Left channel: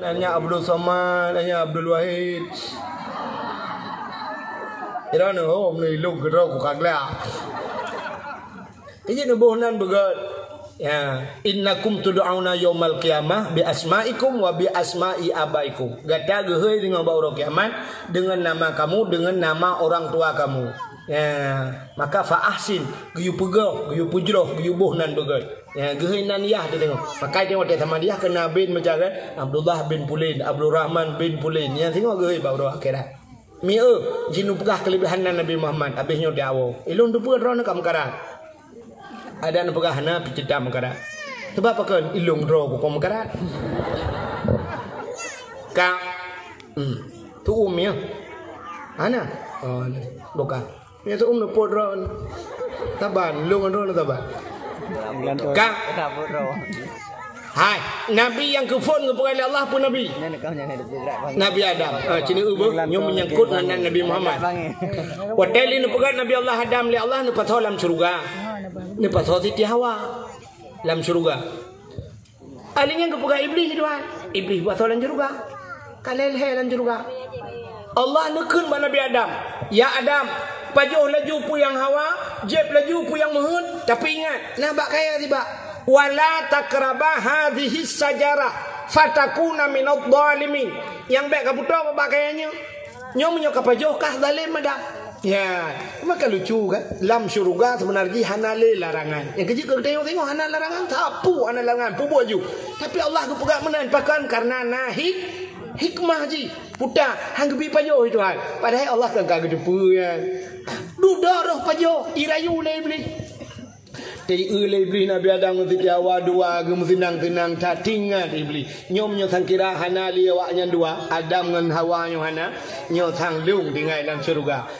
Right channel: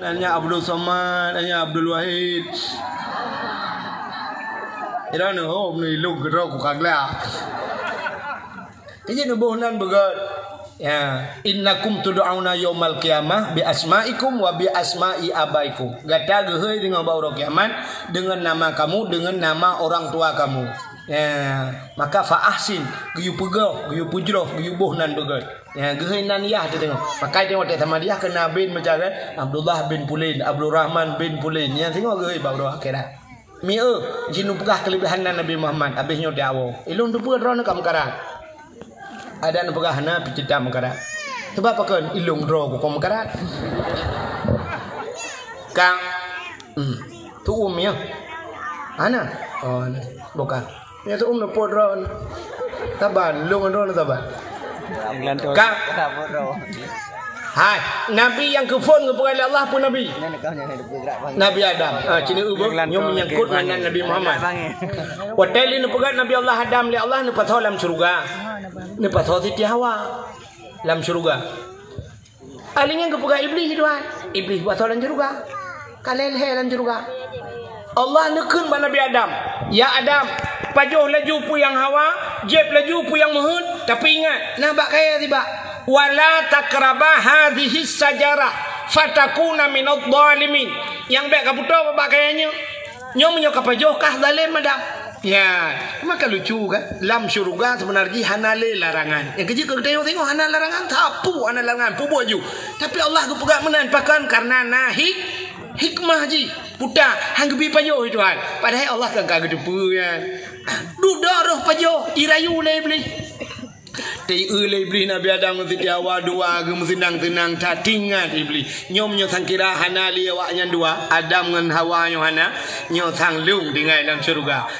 Nanya Abdul Somad, nanya Abdul Wahid. Ira ni ni lu gero ku kagla. Ini nubuhnan begat. Ya, innakum tud'auna yaumal qiyamah bi asma'ikum wa bi asma'i abaikum. Gata geheuy dengan bauro kiamat dengan nama kamu, dengan nama orang tua kamu. Ya, maka fa ahsin, giyu pegah, giyu pujroh, giyu buhnan begat. Ya, geheuy nan yah tu tengok. Maka tengok tak sama dia kena bin macam kan Abdullah bin Pulain, Abdul Rahman bin Pulain. Ya tengok geheuy bauro akhirat. Mi jinu pegah kelebihan Nabi Muhammad habisnya dakwah. Ilung tu pegah ron kam karat. Ada nak pegah na picita makarat. Sebab apa kan ilung ro ko makarat. Kang. Tu ya. Ana. Oh, bukan. Ni tu na pot ro. Taban lung ro na taban. Kang. Hai, Nabi yang kufur kepada Allah pun Nabi. Nabi Adam. Cina ubah nyom menyangkut dengan Nabi Muhammad. Wateli nu pegat Nabi Allah Adam li Allah nu patho dalam syurga. Nu patho Siti Hawa dalam syurga. Alinya kepegat iblis tuan. Iblis patho dalam syurga. Kalel he dalam syurga. Allah nekun pada Nabi Adam. Ya Adam, pajuh laju pu yang Hawa, jeb laju pu yang Muhud, tapi ingat, nak bak kaya tiba. Wala takrabah hadhihi sajarah fatakuna minadh dhalimin. Yang baik kaputo apa pakaiannya? Nyom menyokap pajoh kah zalim ada. Ya, maka lucu kan? Dalam syurga sebenarnya hanale larangan. Yang kecil kita tengok hana larangan tapu hana larangan pu baju. Tapi Allah ku pegat menan pakan karena nahi hikmah ji. Puta hang gebi pajoh itu kan. Padahal Allah kagak gedepu ya. Duda roh pajoh irayu le beli. Tei iblis Nabi Adam Siti Hawa dua ge senang-senang tak tinggal iblis. Nyom nyo sang kira hana li awaknya dua Adam dengan Hawa nyo hana nyo sang lung dengan dalam syurga.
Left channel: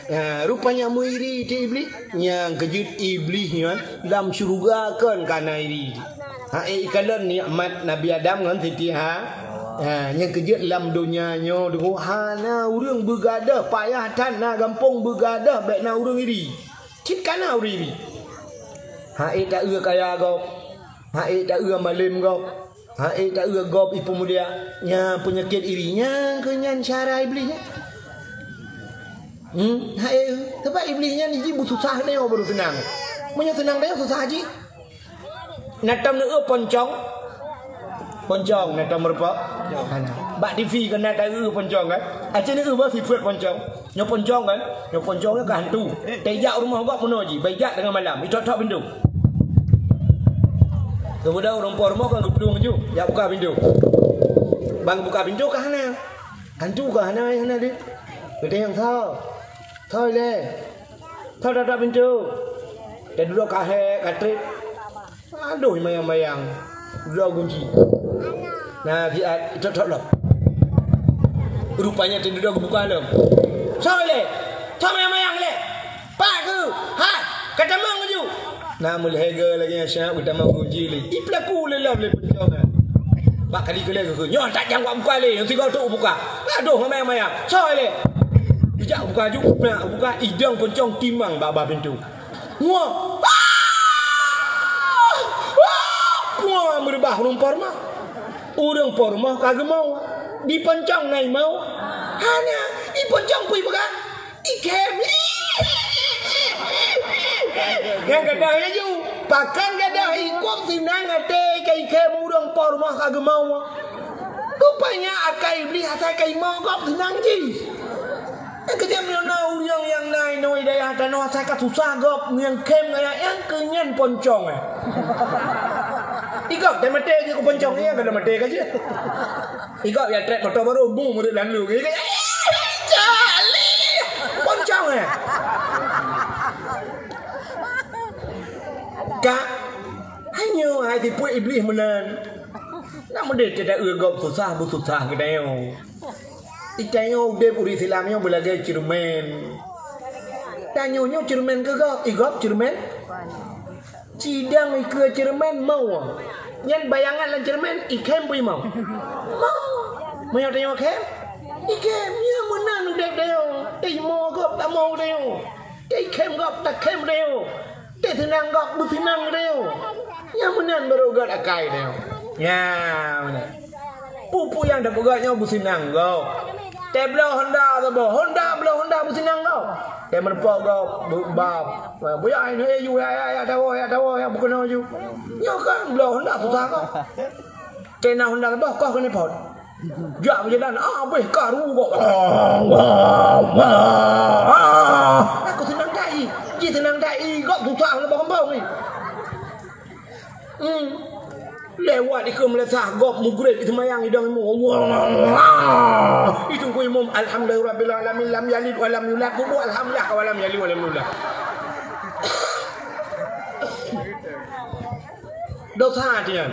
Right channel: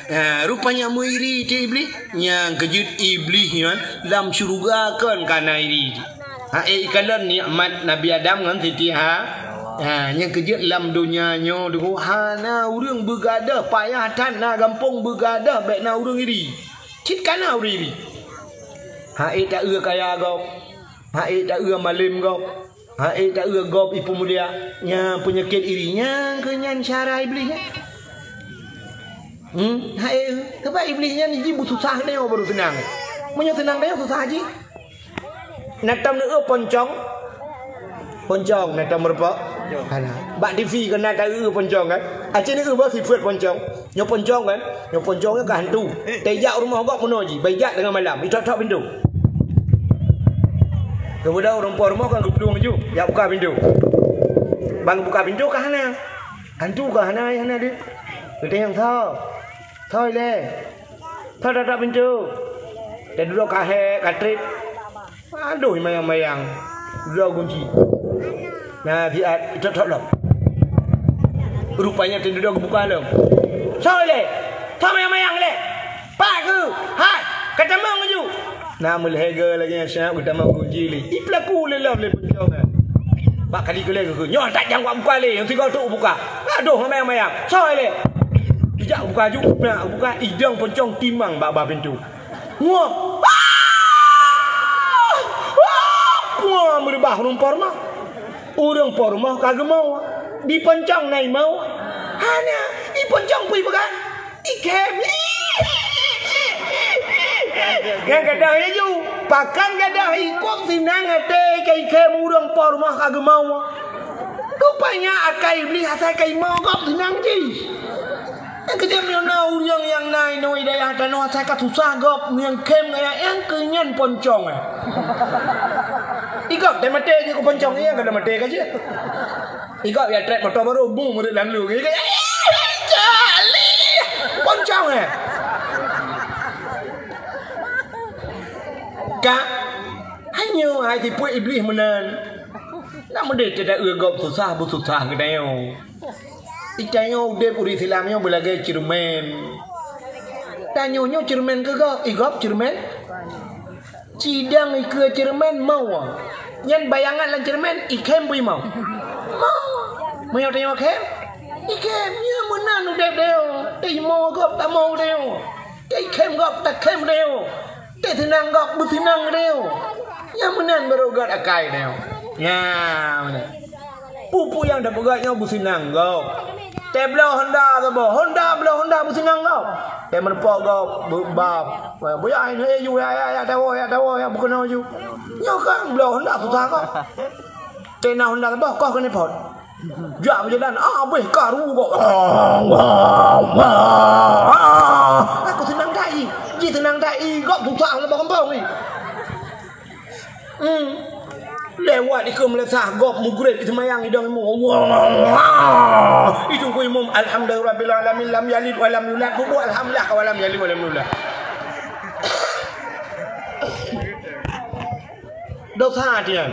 Rupanya muiri ti iblis yang kejut iblis nyo dalam syurga kan kana iri. Ikalan nikmat Nabi Adam dengan Siti Hawa. Yang kejut dalam dunia nyo dengan hana urang begadah payah tan na gampang begadah baik na urang iri. Cit kana urang iri. Hai tak kaya gop. Hai tak malim gop. Hai tak gop ipu mulia nya penyakit irinya kenyan cara iblisnya. Hai sebab iblisnya ni ji susah dia baru senang. Punya senang dia susah ji. Natam ni poncong. Poncong natam berapa? Hana. Bak TV kena tak poncong kan. Aceh ni ba sifat poncong. Nyo poncong kan. Nyo poncongnya ke hantu. Tejak rumah gop penuh ji. Bajak dengan malam. Ditok-tok pintu. Kemudian orang rumah kan gedung je. Ya buka pintu. Bang buka pintu ke hana? Hantu ke hana dia? Kita yang tahu. Tahu le. Tahu tak pintu. Dia duduk kahek, katrik. Aduh mayang-mayang. Duduk kunci. Nah, dia tok-tok lom. Rupanya dia duduk buka lom. Tahu le. Tahu mayang-mayang le. Pak ke? Hai, kata mau ju. Nah mulhega lagi yang syah utama kunci li. Iplaku le lam le penjongan. Bak kali ke lagi ke. Nyo tak jang buka le, yang tiga tu buka. Aduh mayang-mayang. Soy le. Dijak buka ju, nak buka idang pencong timang baba pintu. Wah. Wah, merubah rumpor mah. Urang por mah kagak mau. Di pencong nai mau. Hanya di pencong pui bagan. Ikem. Yang gadah ju, pakan gadah ikut sinang ate kai kem urang por mah kagak mau. Rupanya akai iblis asai kai mau gop sinang ji. Yang kejam yang nau yang nai noi daya dan no asai ka susah gop yang kem gaya yang kenyan poncong. Igap dah mate je ko poncong yang kada mate ka je. Igap ya trek motor baru boom murid lalu. Jali. Poncong Kak, hanya hai tipu iblis menan. Nak mendek tidak gop susah bu susah ke dayo. Icayo de uri silamnya belagai cermen. Tanyonya cermen ke gop? Igop cermen? Cidang ke cermen mau. Nyan bayangan lan cermen ikem pui mau. Mau. Mau tanyo kem? Ikem nya menan udah dayo. Dei mau gop tak mau dayo. Dei kem gop tak kem dayo. Dia tenang gak, bertenang dia. Yang menan berogat akai dia. Ya. Pupu yang dah pegatnya bersenang kau. Teh belah Honda tu boh. Honda belah Honda bersenang kau. Teh merpok kau berbab. Boya ini you ya tahu ya bukan you. Nyo kan belah Honda susah kau. Teh nak Honda boh kau kena pot. Jak berjalan beh karu kau. Aku senang dai. Ji senang dai kau susah nak kampung ni. Lewat di ke Malaysia gop mugrib di semayang hidang imam itu ku imam alhamdulillahirabbil alamin lam yalid wa lam yulad ku alhamdulillah wa lam yalid wa lam yulad dosa dia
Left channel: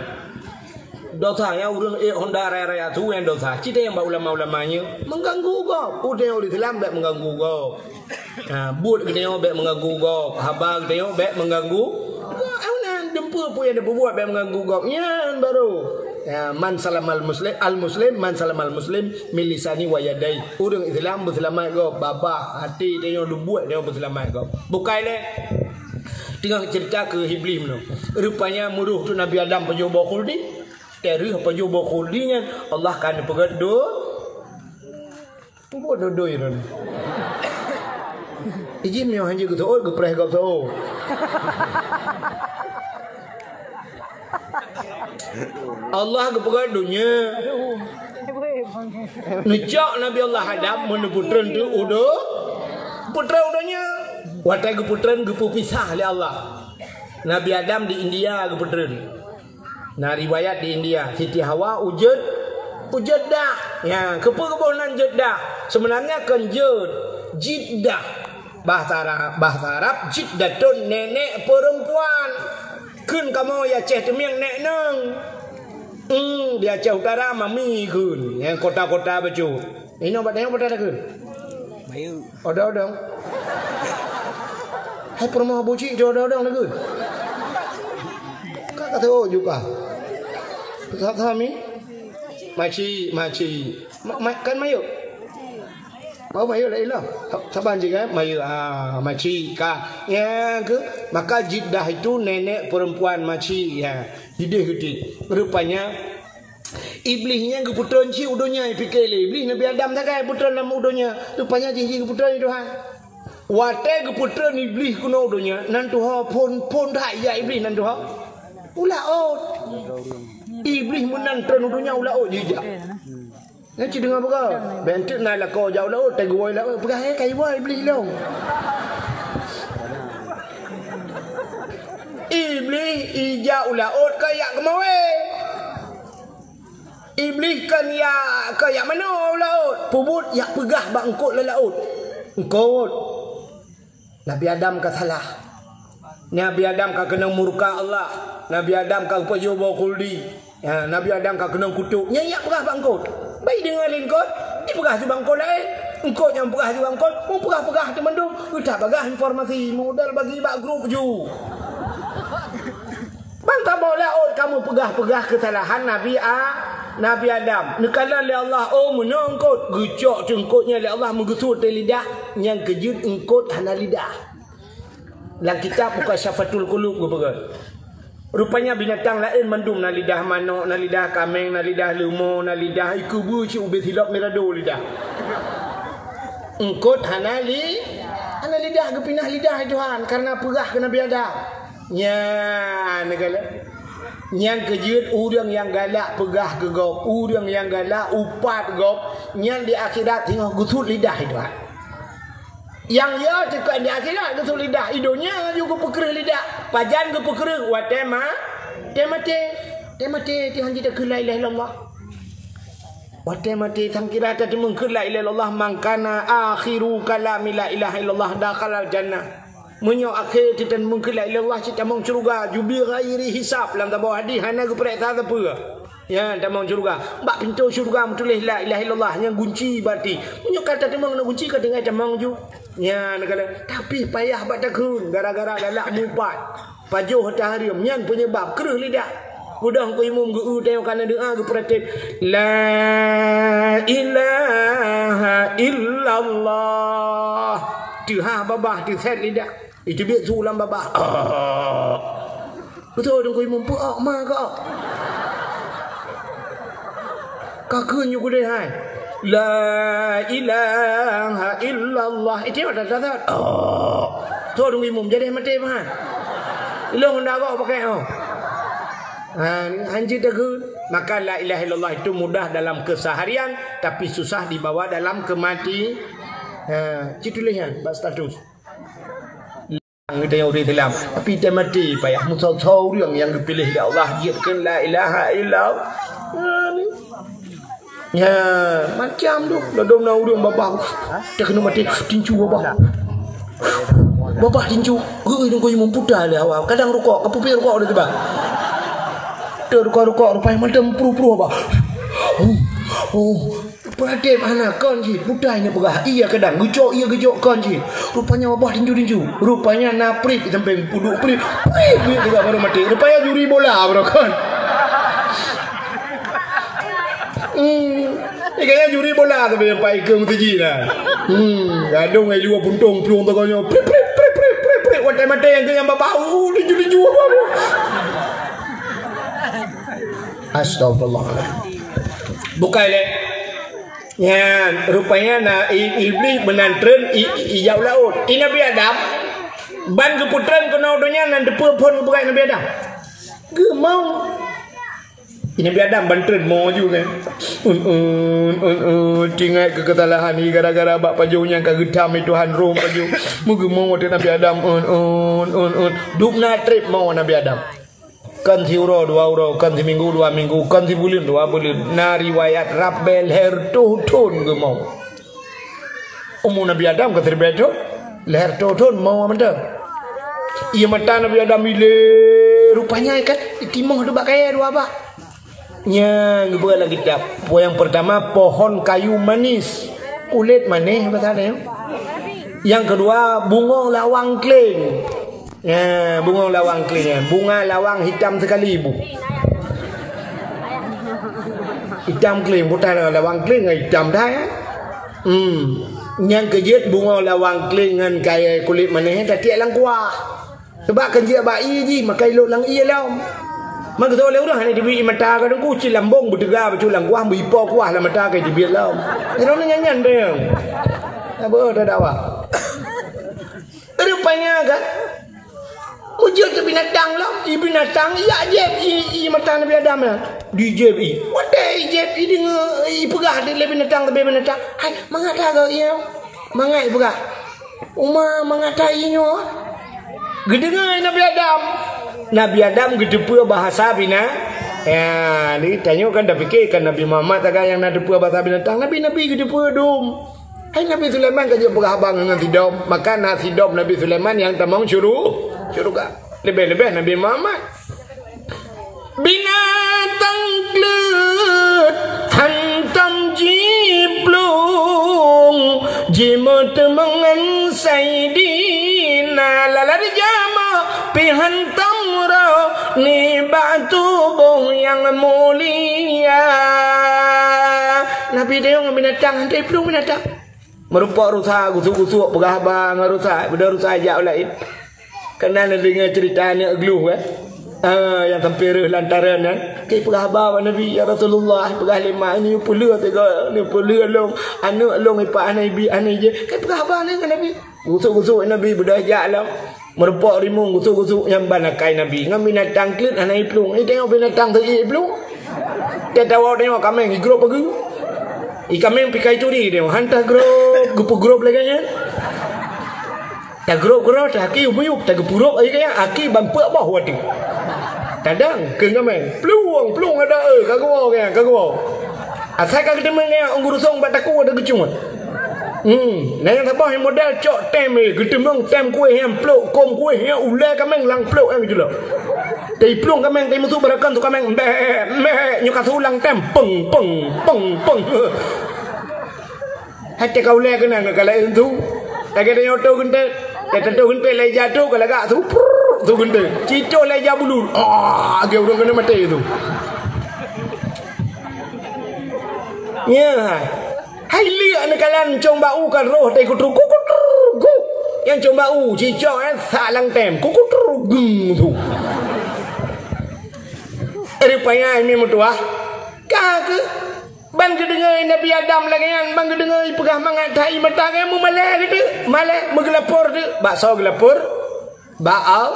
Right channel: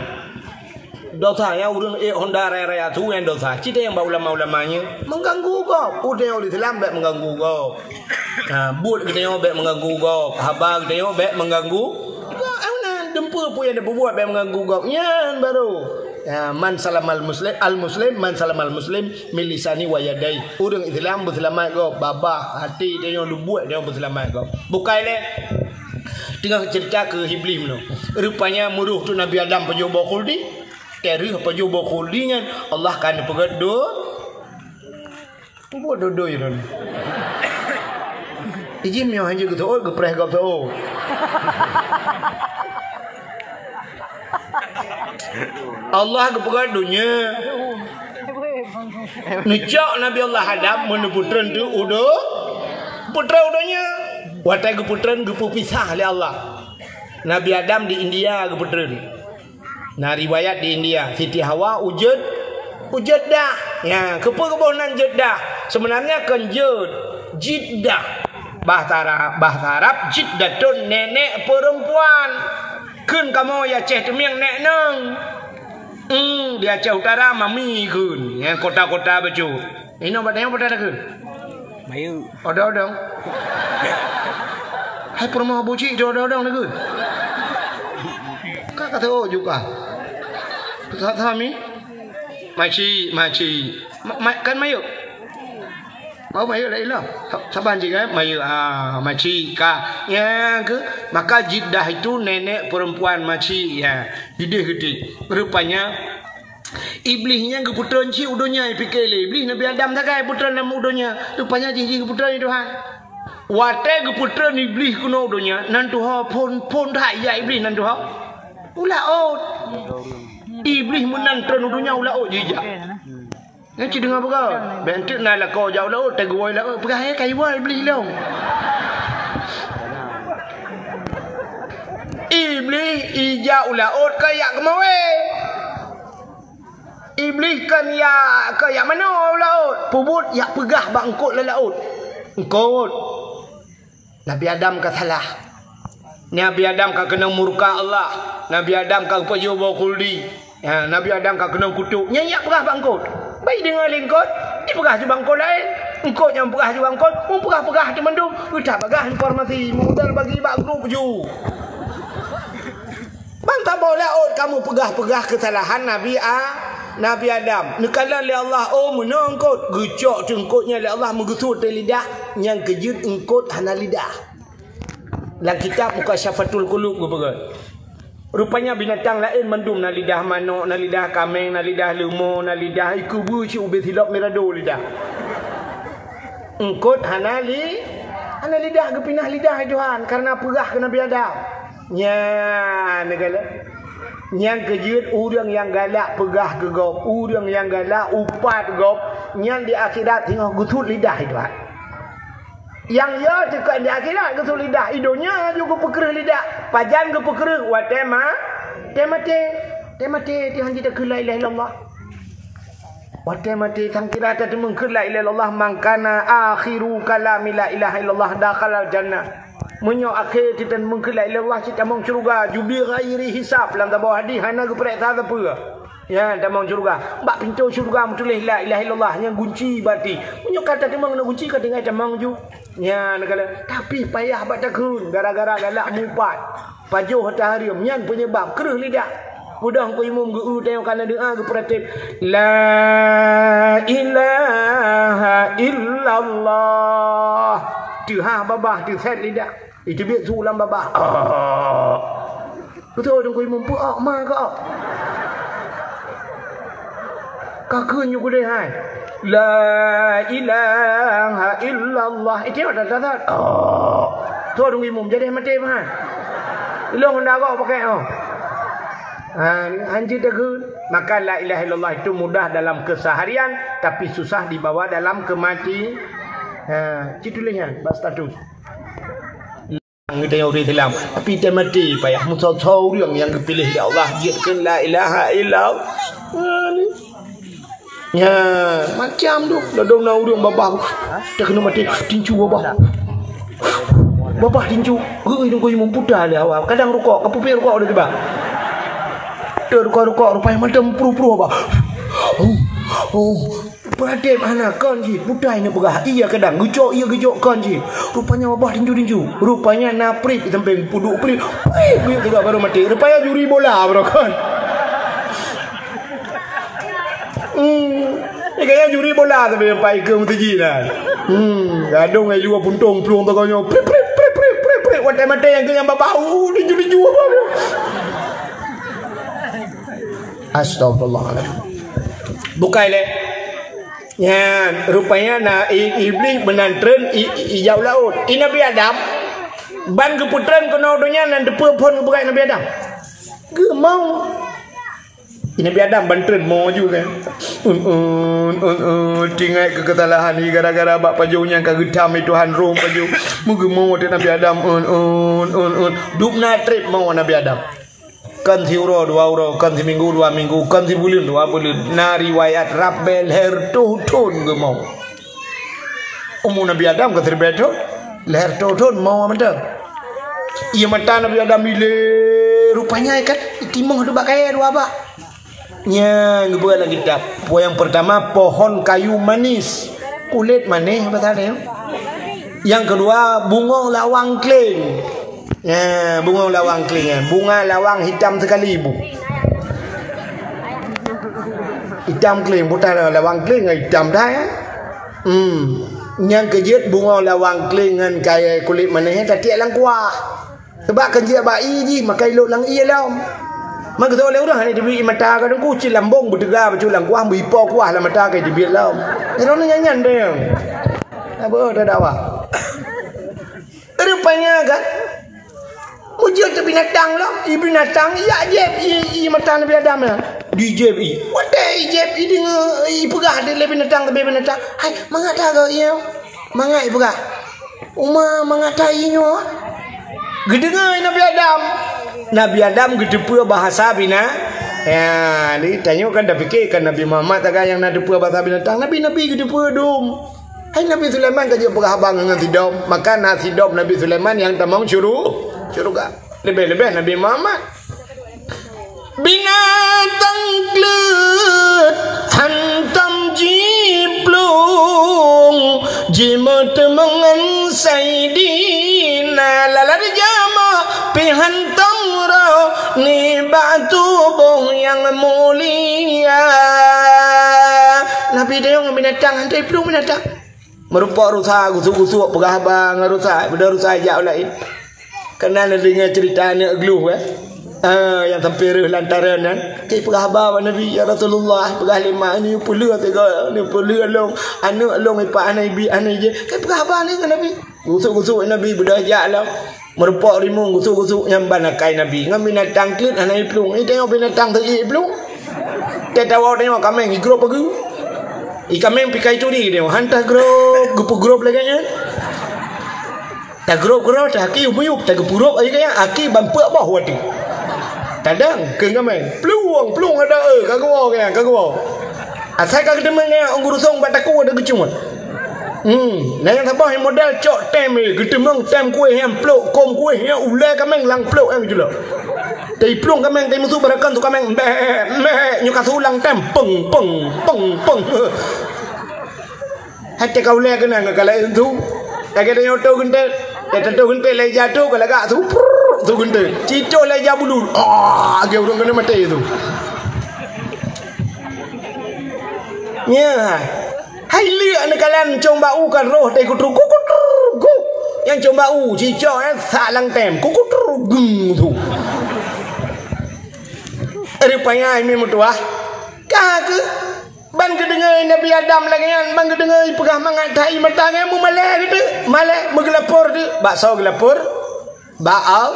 dosa yang urang Honda raya tu yang dosa kita yang ulama-ulamanya mengganggu gop udah di Islam tak mengganggu gop but kita bet mengganggu gop habar kita bet mengganggu dempur pun yang dia berbuat yang mengganggu kau. Yang baru. Man salamal muslim man salamal muslim min lisani wa yadai. Orang Islam berselamat kau, babah hati dia yang buat dia berselamat kau. Bukannya tengah cerita ke Iblis tu. Rupanya muruh tu Nabi Adam penjoba khuldi. Teri penjoba khuldi kan Allah kan pegat do. Buat dodo je tu. Ijin mio hanya gitu oh gepreh kau tu. Allah kepada dunia Nejak Nabi Allah hadap meneputran tu udah putra udahnya watai keputran kepisah oleh Allah. Nabi Adam di India keputran. Nah riwayat di India Siti Hawa ujud dah ya keponan Jeddah sebenarnya kan Jeddah bahasa Arab Jeddatun nenek perempuan kun kamu ya ceh temiang nek nang di Aceh Utara mami kun yang kota-kota baju ini obatnya pada kun mayu odong hai permah buci odong nak kun kata oh juga kata kami maci kan mayu mau mayu lại lo saban je kan mayu maci ka ya ke maka Jeddah itu nenek perempuan maci ya gede rupanya iblisnya ke putran ci udonya fikir iblis Nabi Adam takai putran nama udonya rupanya cici ke putran itu ha wate ke putran iblis kuno udonya nan tu ha pon dah ya iblis nan tu ha ulaut iblis menan tren udonya ulaut jejak Nanti dengar apa? Bentuk nak lah kau jauh lah, teguai lah, pergi kai buat iblis lah. Iblis ijau lah, kayak kemawe. Iblis kan ya kayak mana lah? Pubut ya pegah bangkut lah laut. Engkau Nabi Adam ka salah. Nabi Adam ka kena murka Allah. Nabi Adam ka pejoba khuldi. Ya, Nabi Adam ka kena kutuk. Nyanyak pegah bangkut. Baik dengan lingkot, dia pegah juga bangkot lain. Engkau yang pegah juga bangkot, pegah di mendung. Kita pegah informasi, modal bagi bak grup ju. Bantah boleh kamu pegah kesalahan Nabi Adam. Nekalan oleh Allah, menangkut. Gecok cengkutnya oleh Allah menggusut lidah. Yang kejut engkut hana lidah. Dalam kitab Mukasyafatul Qulub rupanya binatang lain mendung na lidah manuk, na lidah kambing, na lidah lemur, na lidah ikubu ci ubis hilap merado lidah. Engkut hana lidah kepinah lidah Tuhan karena pegah ke Nabi Adam. Nya negala. Yang kejut urang yang galak pegah ke gop, urang yang galak upat gop, yang di akhirat tengok gusut lidah Tuhan. Yang ya dekat di akhirat ke lidah idonya juga pekerah lidah pajan ke pekerah wa temate Tuhan kita ke la ilaha illallah wa temate sang kira ta temung ke la ilaha illallah mangkana akhiru kalami la ilaha illallah dakhalal jannah munyo akhir kita mung ke la ilaha illallah kita mung syurga jubi ghairi hisab dalam tabu hadis hana ke periksa apa ya tamang syurga bak pintu syurga tulis la ilaha illallah yang kunci berarti munyo kata temang nak kunci ka dengan tamang ju ya negala tapi payah bak takun gara-gara galak mupat pajuh taharium nyan penyebab kereh lidah mudah ku imum geu tengok kana doa ge pratip la ilaha illallah tuha babah tu set lidah itu biar sulam babah betul dong ku imum puak ma ka Kakaknya gue hai. La ilaha illallah. Itu ada dasar. Oh. Tu dong imum jadi mati mah. Long dah kau pakai oh. Anjir tegur. Maka la ilaha illallah itu mudah dalam keseharian tapi susah dibawa dalam kematian. Citulinya bas status. Kita yang orang Islam tapi dia mati payah musau-sau yang dipilih oleh Allah giatkan la ilaha illallah. Ya, macam tu. Ladong na urang babah. Dia kena mati tinju babah. Babah tinju. Geuy dong kau imam puda le awak. Kadang rukuk, kapupi rukuk deuk ba. Teu rukuk rupanya macam puru-puru babah. Pradep anak kan ji. Puda ini pegah. Iya kadang gejok kan ji. Rupanya babah tinju. Rupanya naprik sampai puduk prik. Prik juga baru mati. Rupanya juri bola bro kan. Kayaknya juri bola tapi yang pai ke mutiji lah. Gadong ai luar puntung peluang tokonya. Prip. Mate yang ke yang bau tinju apa. Astagfirullahaladzim. Bukai le. Ya, rupanya na iblis menantren ijau laut. Ini Nabi Adam. Ban keputran kena donya nan depa pun bukai Nabi Adam. Gemau. Ini Nabi Adam bantren mau juga kan. Tinggal kekesalahan ni gara-gara bak pajunya kagetam Tuhan Rom paju. Muga mau Nabi Adam dupna trip mau Nabi Adam. Kan si euro 2 euro, kan si minggu 2 minggu, kan si bulan 2 bulan. Na riwayat Rabbel her tuhun ge mau. Nabi Adam ke terbeto leher tuhun mau mentang. Ia mata Nabi Adam ile rupanya kan timung tu bak kaya dua bak. Nya ngebuat lagi kitab. Yang pertama pohon kayu manis, kulit manis bahasa. Yang kedua bunga lawang kling. Ya, bunga lawang kling. Bunga lawang hitam sekali ibu. Hitam kling, bukan lawang kling hitam dah ya. Yang kejut bunga lawang kling dengan kaya kulit manis tak lang kuah. Sebab kerja bayi ji makai lo lang iya lam. Maka tu oleh orang ni dibi mata kan ku ci lambong budega baculang kuah bipo kuah la mata kai dibi lam. Iro nyanyan deh. Apa dah dakwah. Rupanya kan mujud tu binatang lah. Binatang ya jeb i mata Nabi Adam lah. Di jeb i. Wadai jeb i dengan i pegah dia binatang tu binatang. Hai mangata kau ia. Mangai pegah. Mangata inyo. Gedengai Nabi Adam. Nabi Adam gedepua bahasa bina. Ya, ni tanya kan dah fikirkan Nabi Muhammad tak yang nak depua bahasa binatang. Nabi gedepua dom. Hai Nabi Sulaiman kerja pegabang dengan sidom. Maka nasi dom Nabi Sulaiman yang tamang syurga. Lebih-lebih Nabi Muhammad. Binatang klut hantam jiplung jimat mengan saidina lalari jama pihantam ni batu bong yang mulia. Nabi dia yang binatang hantai pelung binatang. Merupa rusak gusuk-gusuk pegabang rusak. Benda rusak ajak lain. Kena dengar ceritanya gluh yang sampai lantaran kan. Kai pegabang Nabi ya Rasulullah pegah lima ini pula tiga ni pula long anak long ipa anak ibi anak je. Kai pegabang ni kan Nabi. Gusuk-gusuk Nabi benda ajak lah. Merupak rimung gusuk-gusuk yang banakai Nabi. Ngam binatang klit anak iplung. Tengok binatang tu iplung. Tetawa tengok kambing grup pergi. Kambing pikai curi tengok. Hantar grup, grup lagi kan. Tak grup tak aki umuyuk tak gepurup lagi kan. Aki bampak bawah wati. Kadang ke kambing. Peluang ada kagau kan kagau. Asal kagak demen kan orang gurusong bataku ada kecuma. Nah yang apa yang modal cok tem getemang tem kuih yang plok kom kuih yang ulai kameng lang plok gitu loh. Tapi plong kameng tapi musuh berakan tu kameng nyuka sulang tem peng. Hati kau ulai kena kalau itu kagak ada nyoto gente, nyoto gente lagi jatuh kalau gak tu gente, cicok lagi jabulun. Dia orang kena mati itu. Ya. Hai lihat nak kalian coba kan roh teh kutru yang coba cicok salang tem kutru tu. Rupanya ini mutua kagak Ban kedengar Nabi Adam lagi kan, ban kedengar pegah mangat tai mata kan mu malah gitu. Malah menggelapur tu, bakso gelapur. Baal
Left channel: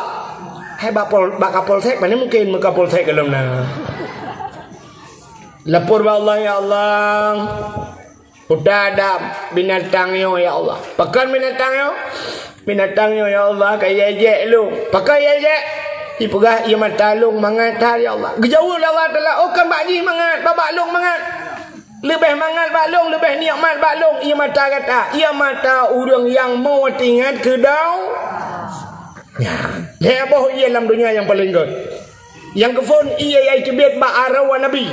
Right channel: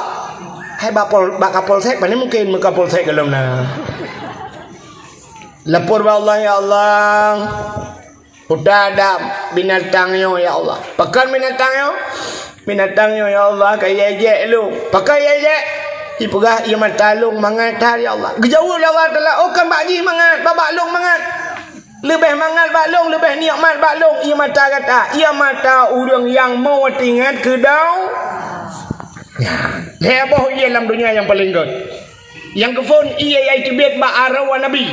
hai bak kapolsek mana mungkin kapolsek kalau na. Lapor ba Allah ya Allah. Udah ada binatangnya ya Allah. Pakan binatangnya. Binatangnya ya Allah kayak ye lu. Pakai ye. Ipegah ia matalung mangat ya Allah. Gejauh Allah Taala oh kan bakji mangat, babalung mangat. Lebih mangat baklong, lebih nikmat baklong. Ia mata kata, ia mata orang yang mau tinggal kedau. Dia boh ia dalam dunia yang paling good. Yang kefun ia iaitu bet ba'arawa Nabi.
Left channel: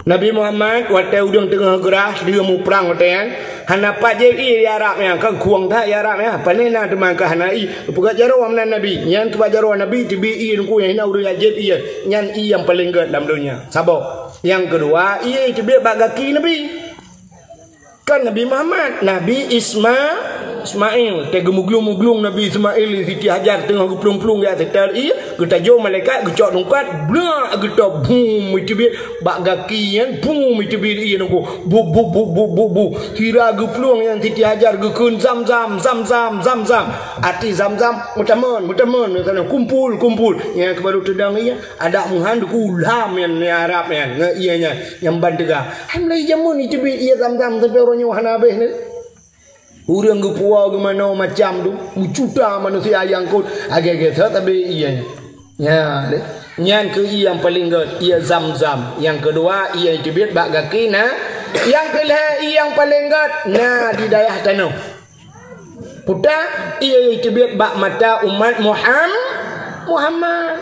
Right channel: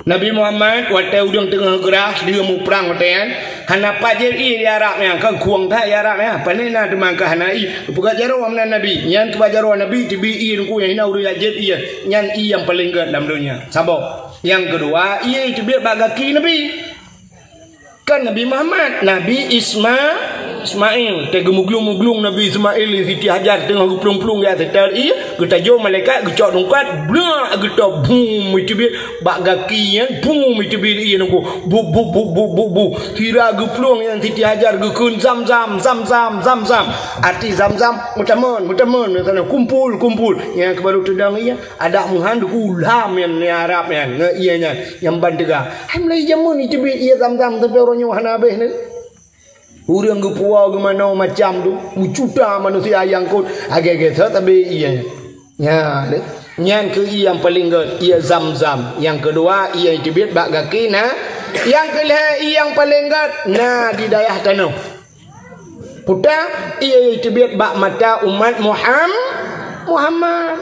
Nabi Muhammad waktu udang tengah gerah dia mu perang kan. Hanapat je ia yarak yang kan kuang tak yarak ya. Panena teman ka hanai. Bukan jarawan Nabi. Yang tu jarawan Nabi tibi in ku yang ina urang jet ia. Yang ia yang paling good dalam dunia. Sabok. Yang kedua, ia itu biar bagaki Nabi. Kan Nabi Muhammad, Nabi Ismail, tega muglung Nabi Ismail Siti Hajar tengah pelung-pelung ya setel ia, kita jauh malaikat, gecok dongkat, blah, kita boom itu biar bagaki yang boom itu biar ia nunggu bu. Kira gepelung yang Siti Hajar gekun zam. Arti zam, mutamun, sana kumpul. Yang kebaru tudang ia, ada muhan kulam yang Arab yang ianya yang bandega. Hamlai jamun itu biar ia zam sampai orangnya hanabeh ni. Urang gepua gimana macam tu, mucuta manusia yang kot agak-agak tapi iya. Ya, yang ke yang paling good ia zam. Yang kedua ia dibit bak kaki nah. Yang kelih yang paling good nah di daerah tanah. Puta ia dibit bak mata umat Muhammad.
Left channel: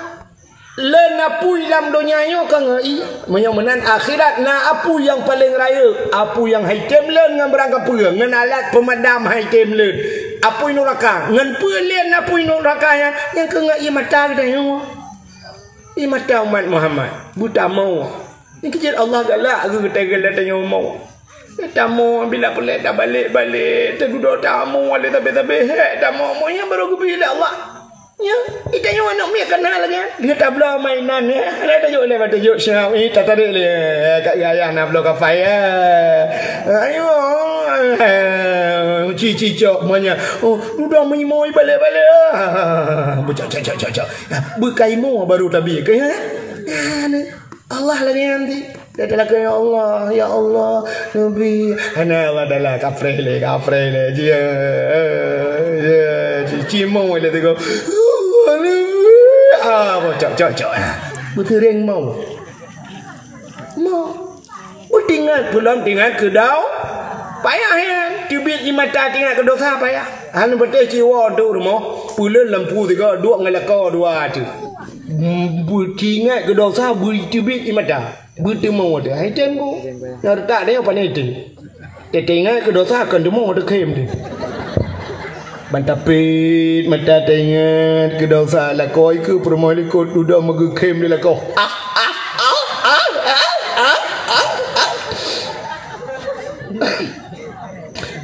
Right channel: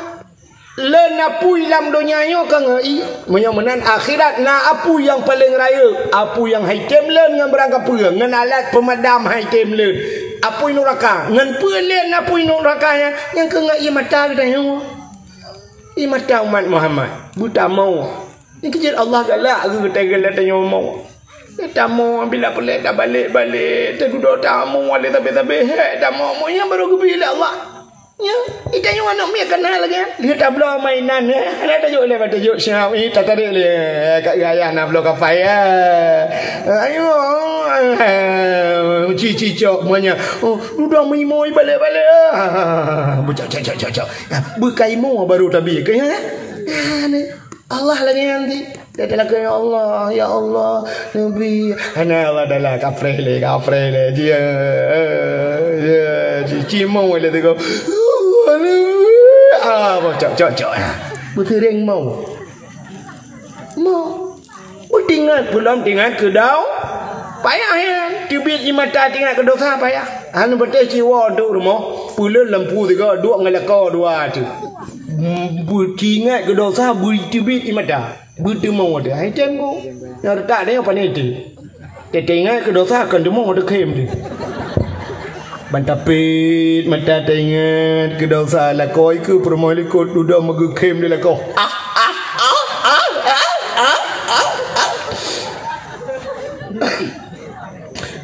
Len apu dalam dunia yo kan ai menang akhirat na apu yang paling raya apu yang haitem len ngan berangkat perang ngan alat pemadam haitem len apu neraka ngan pelen apu neraka yang ke ngai mata kita yo i mata umat Muhammad buta mau ni kecil Allah galak aku kata tanya mau kita mau bila boleh dah balik tergudo tamu wala tapi dah mau yang baru bila Allah. Ya, itu yang mana dia kenal lagi. Dia tak belum mainan ya. Ada tajuk le, tajuk siap ni tak tarik le. Kat gaya nak belum kafai ya. Ayo. Cici cok monya. Oh, udah menimoi balik-balik. Cok. Bukai mo baru tabi ke ya. Allah lagi nanti. Dia telah ke ya Allah Nabi. Ana Allah adalah kafre le dia. Cici mo le tu. Cok. Berkering mau. Tinggal kedau. Payah kan. Tibit imata tinggal kedau sah payah. Anu betul jiwa duk rumah. Pulen lampu tiga dua ngelaka dua tu. Tinggal kedau sah tibit imata. Betul mau ada. Hai tengok. Yang tak ada apa ni tu. Tinggal kedau sah kan demo ada kem tu. Bantapit mata tengah kedau salah koi ke permali ko duda magukem ni lah kau.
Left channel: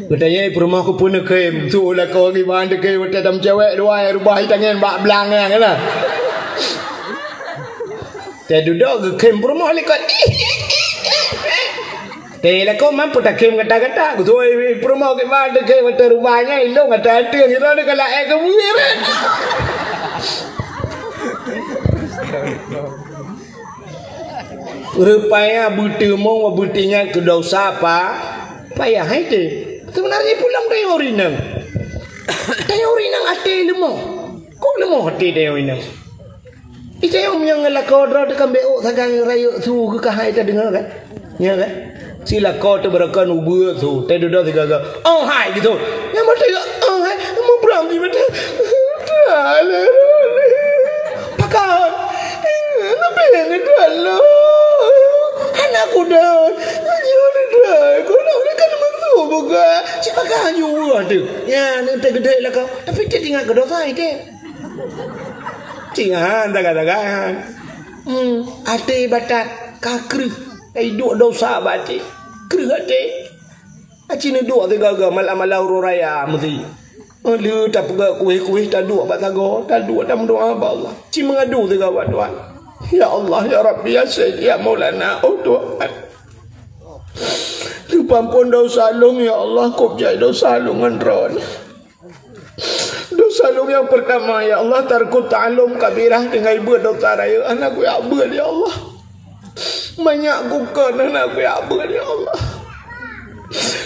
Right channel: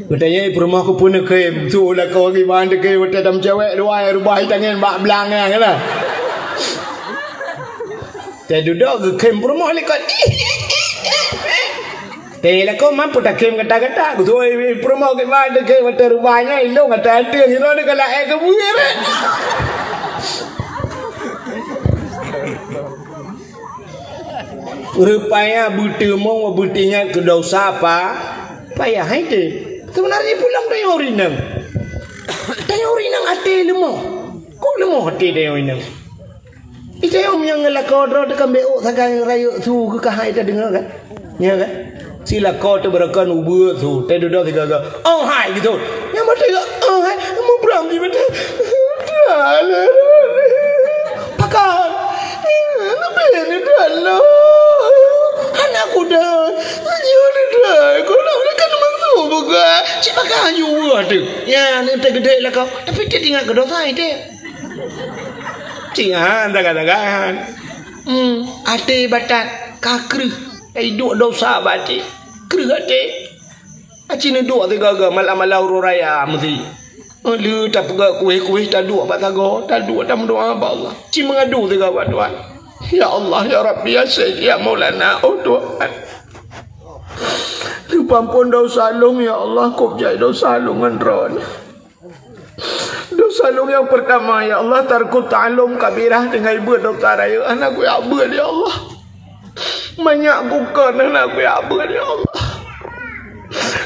Katanya permah ko pun kem tu lah kau gimana ke wata dam cewek dua rubah tangan bak belang kan lah. Te duda kem permah le ko. Tela kau mampu tak kem kata-kata. Aku tu promo ke mana ke mata rumahnya ilong kata ada ni lah kalau ke buir. Rupanya butuh mau butinya ke dosa apa? Payah itu. Sebenarnya pulang dari orinang. Dari orinang hati lemah. Kau lemah hati dari orinang. Itu yang ngelakau drone dekat beok sagang rayu su ke kahai kita dengar kan? Ya kan? Sila kau tu berakan ubur tu. Tadi dah tiga. Oh hai gitu. Yang mati oh hai. Mau berang di mati. Alah. Pakar. Tapi ni dah lah. Anakku dah. Anjur dah. Kau nak kan mantu buka. Siapa kau nyuruh tu? Ya, ni gede lah kau. Tapi dia tinggal kedua saya dia. Cingan tak. Ate batak kakru. Duk dosa batik. Kerih batik. Acina duk tu gagal malam-malam raya mesti. Lu tak pegak kuih-kuih tak duk bat tago, tak duk tak mendoa ba Allah. Ci mengadu tu gawat tuan. Ya Allah ya Rabbi ya Sayyid ya Maulana oh Tuhan. Pampun dosa long ya Allah, kop jai dosa longan ron. Dosa long yang pertama ya Allah, tarku ta'alum kabirah dengan ibu dosa raya anak ku ya abad ya Allah. Banyak kukan anak ku ya abad ya Allah.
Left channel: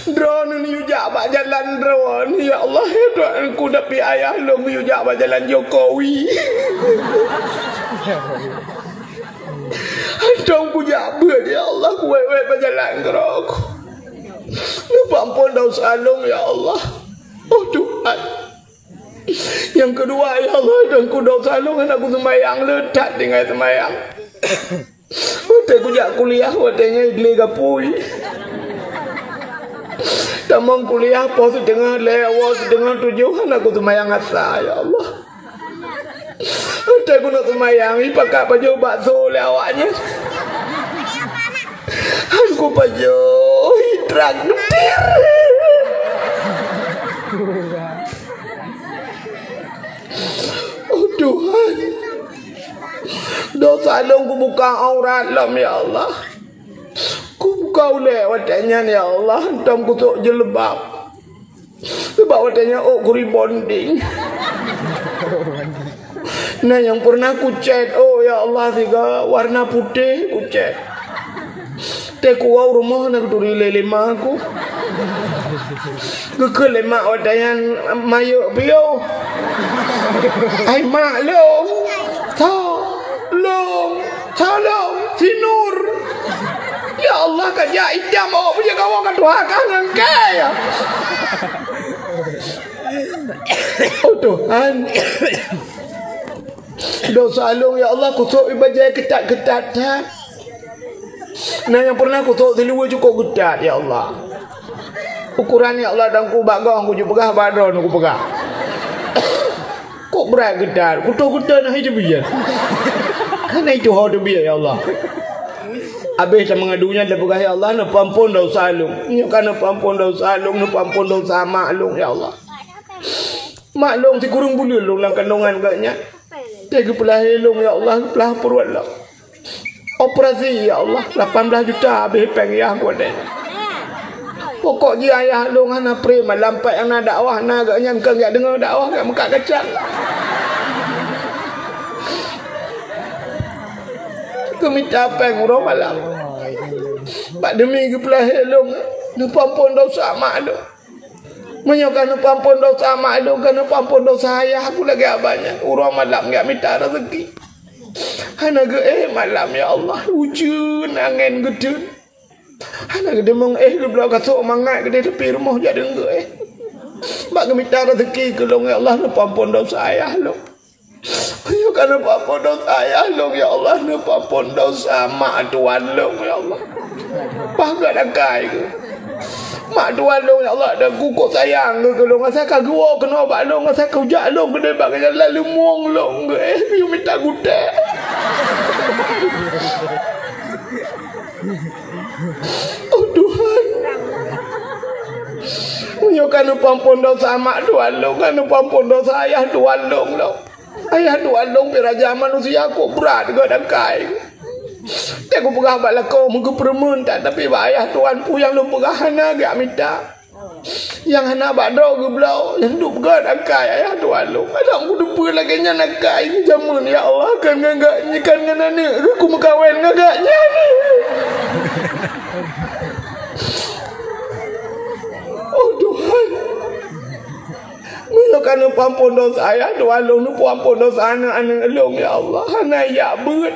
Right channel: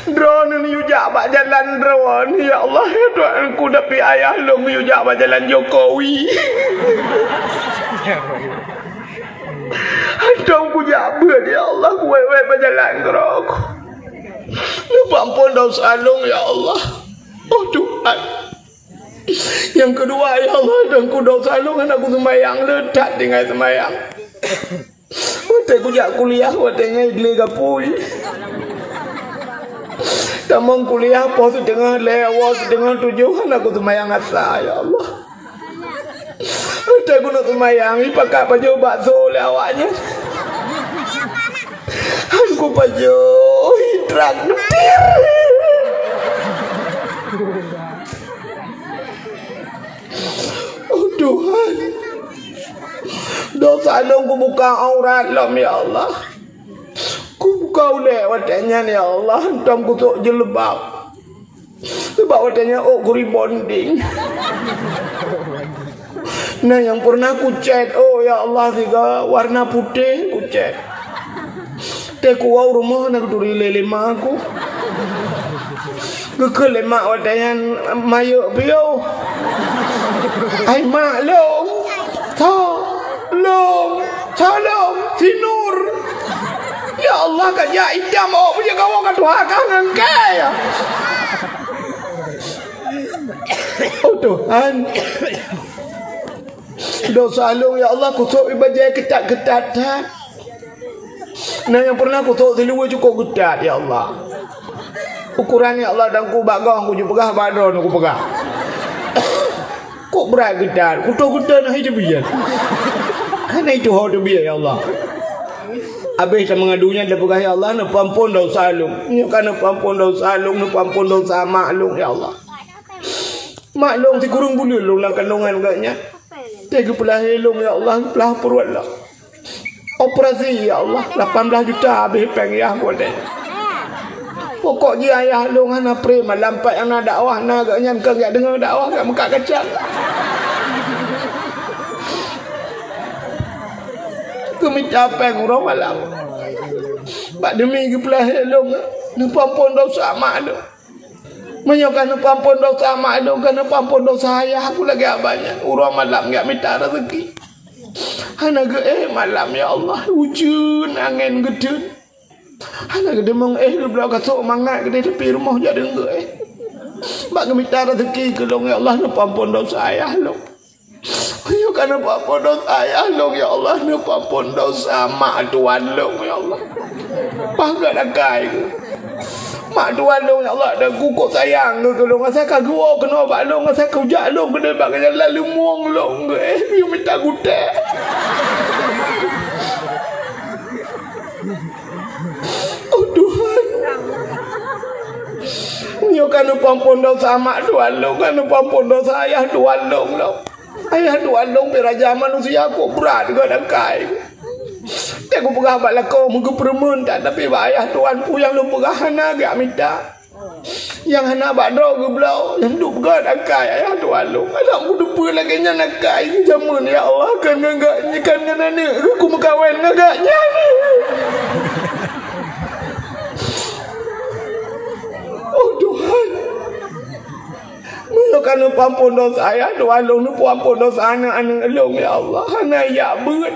Drone ni ujak bak jalan drone ya Allah, doa ku dapi ayah long ujak bak jalan Jokowi. Dong ku jabut ya Allah, ku wewe berjalan kerok. Pampun dosa long ya Allah. Oh Tuhan. Yang kedua ya Allah, dong ku dosa long aku semayang letak dengan semayang. Waktu ku jak kuliah, waktunya igli gapui. Tamang kuliah pos setengah lewat setengah 7 aku semayang asa ya Allah. Waktu aku nak semayang, pakai baju bakso lewatnya. Aku baju hidrak netir. Oh Tuhan, dosa dong ku buka aurat lam ya Allah. Ku buka lewat watanya ya Allah, dong ku tok jelebab. Sebab watanya ku rebonding. Nah yang pernah ku chat, oh ya Allah tiga warna putih ku chat. Teku wau rumah nak turi lelema aku. Gekel lemak wadangan mayuk biau. Ai maklum. Tolong Sinur. Ya Allah kerja idam oh punya kawan kan Tuhan kan engkai. Oh Tuhan. Dosa long ya Allah kutuk ibadah ketat-ketat. Nah yang pernah aku tahu seluar cukup gedat ya Allah. Ukuran ya Allah dan ku bagong ku pegah badon ku pegah. Kok berat gedat. Ku tahu gedat nak hidup biar. Karena itu hal biar ya Allah. Habis saya mengadunya dia pegah ya Allah nak pampun dosa long. Ini kan nak pampun dosa long, nak pampun dosa maklum ya Allah. Maklum si kurung bulu long lang kandungan katnya. Dia pelah long ya Allah, pelah perut lah. Operasi ya Allah 18 juta habis pengiah aku ada. Pokok dia ayah long hana pre malam pak yang nak dakwah nak agaknya engkau enggak dengar dakwah kat Mekah kacang. Aku minta peng urang malam. Pak demi ke pelah long nu pampun dosa mak do. Menyokan nu pampun dosa mak do kan nu pampun dosa ayah aku lagi abanya. Urang malam enggak minta rezeki. Hana ge malam ya Allah hujan angin gede. Hana gede mong lu belau kasuk mangat gede tepi rumah jadi ge. Bak minta rezeki ke long ya Allah nu pampun dosa ayah lo. Yo kan pampun dosa ayah lo ya Allah nu pampun dosa mak tuan lo ya Allah. Pagat akai ke. Mak tuan lo ya Allah dah kukuk sayang ke long asa ka gua kena bak long asa ka ujak long gede bak lalu muang long ge. Yo minta gutek. Oh Tuhan. Nyo kan pampun dosa mak tuan long, kan pampun dosa ayah tuan long lo. Ayah tuan long peraja manusia aku berat ke dakai. Dia aku pegah bak lakau muka permen tak tapi bak ayah tuan pu yang lu pegah hana gak minta. Yang hana bak dro ke belau, yang duk pegah dakai ayah tuan long. Ada aku dupa lagi nya nakai zaman ya Allah kan enggak nyikan dengan ni aku mengkawin ngagaknya ni. Oh Tuhan. Menyokan pampun dosa ayah tuan long nu pampun dosa anak-anak long ya Allah. Hana ya bet.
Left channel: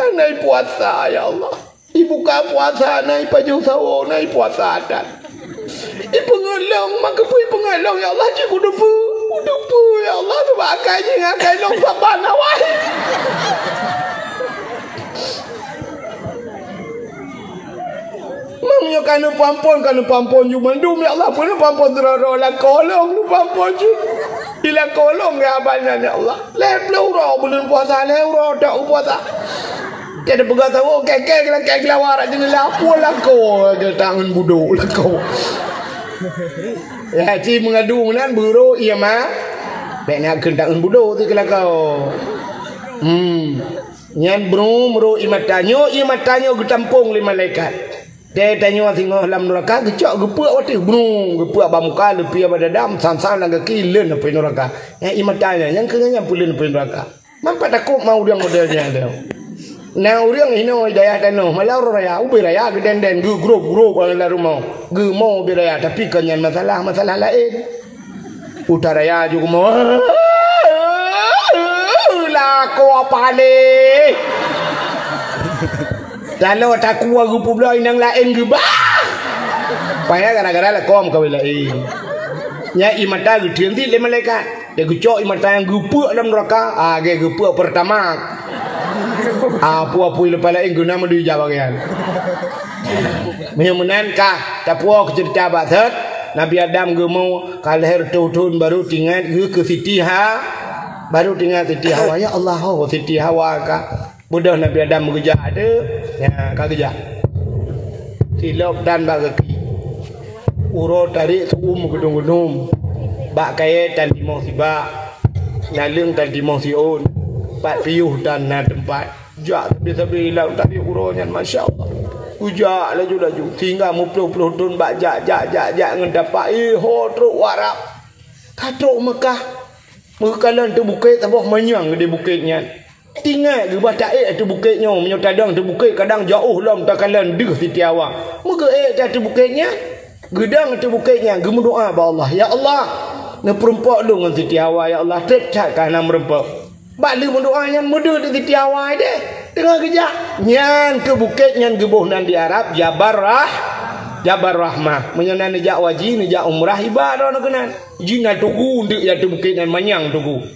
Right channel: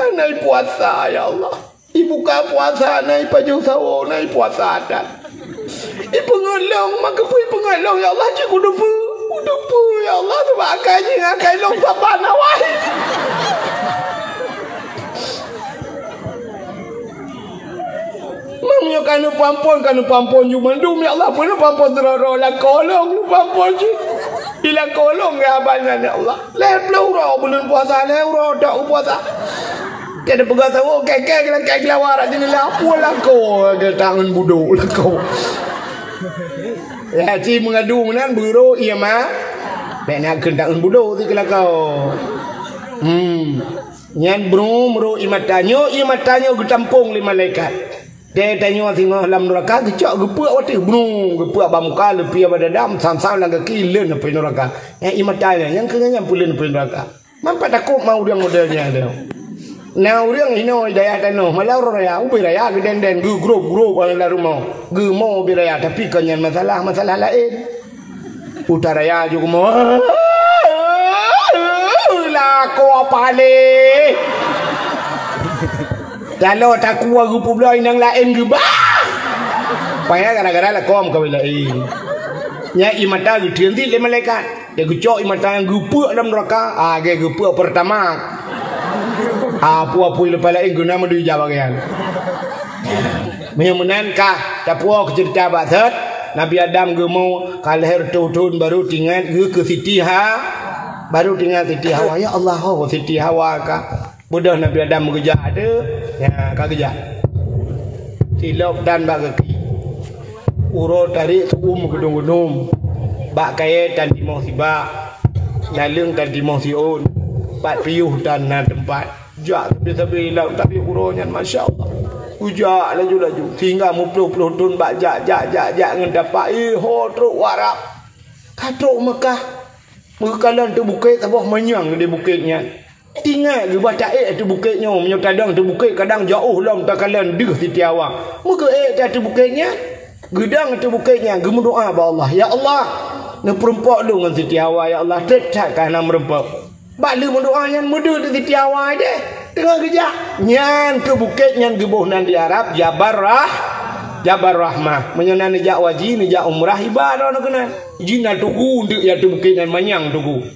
Hana puasa ya Allah. Ibu ka puasa nai paju sawo nai puasa adat. Ibu ngelong maka pui pengelong ya Allah cik udupu ya Allah tu bakai je ngakai long saban awal. Mamyo kanu pampon cuma dum ya Allah pun pampon teroro la kolong pampon je. Bila kolong ya banyak ya Allah. Leplo ro bulan puasa le ro dak puasa. Jadi pegang tahu kek lawar aja ni lapu lah kau ke tangan bodoh lah kau. Ya ci mengadu menan buru iya mah. Nek nak ke tangan bodoh tu kalau kau. Nyan bro imatanyo ke tampung lima malaikat. Dia tanya tengok dalam neraka gecok gepuk waktu brung gepuk bamuka lepi pada dam sam-sam lang kaki len apa neraka. Yang imatanya yang kenyanya pulen apa neraka. Mampat takut mau dia modelnya dia. Nah orang hino daya tano malau raya ubi raya geden gu grup ala rumah. Gu mau ubi raya tapi kenyan masalah lain. Utaraya juga mau lah ko apa ni. Kalau tak kuat rupa pula yang lain ke bah. Payah gara-gara lah kom kau lain. Nya imata gedian ti le malaikat. Dia gecok imata yang gupuk dalam neraka. Ge gupuk pertama. Apa-apa lepas lain guna mendu jawab kan. Menyamanan kah tak puas cerita batat. Nabi Adam ge mau kalher tuhun baru tinggal ke Siti baru tinggal Siti Hawa. Ya Allah, Siti Hawa kah. Mudah Nabi Adam bekerja ada, ya kau kerja. Tilap dan bagaki. Urut tarik gedung-gedung. Bak kaya dan dimau sibak. Nalung dan dimau siun. Pat piuh dan tempat. Jak tapi hilang tapi uronya masya Allah. Ujak laju-laju. Tinggal mupuluh-puluh tun bak jak ngendapak. Truk warap. Katruk Mekah. Mekalan tu bukit tabah manyang di bukitnya. Tinggal di baca tu bukitnya menyotadang tu bukit kadang jauh lam takalan deh Siti Hawa. Muka tu bukitnya gedang tu bukitnya gemu doa ba Allah. Ya Allah, ne perempak lu dengan Siti Hawa ya Allah tetap kana merempak. Bak lu mendoa yang mudu tu Siti Hawa deh. Tengah kerja nyan tu bukit nyan gebuh nan di Arab Jabar Rahmah. Menyenan jak waji ni jak umrah ibadah nak kena. Jina tugu ndik ya tu bukit nan manyang tugu.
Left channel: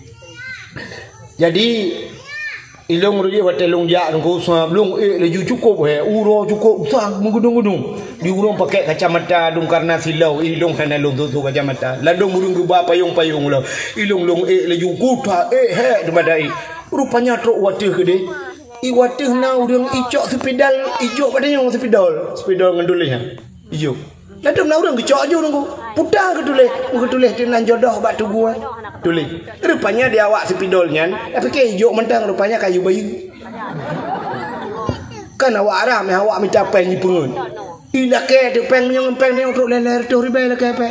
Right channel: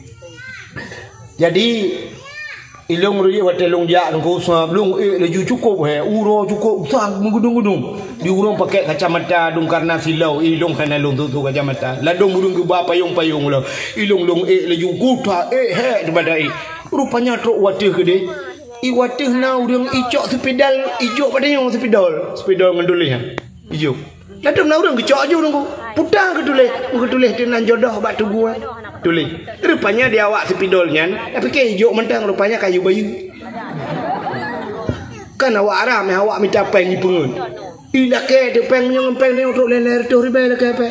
Jadi ilung rudi watelung jak ngku belum laju cukup uro cukup sang mengudung-udung di urung pakai kacamata dung karena silau ilung kana lung tu kacamata ladung urung ke ba payung lo ilung laju kuta di badai rupanya truk watih ke de i watih na urang icok sepedal ijo padanya sepedal ngandulih ijo ladung na urang gecok aja urang putar ketulih tenan jodoh bak tugu tulis. Rupanya dia awak sepidolnya, tapi ke hijau mentang rupanya kayu bayu. Kan awak Arab yang awak minta pen ni pengun. Ila ke tu pen dia untuk leler tu ribai lah ke apa.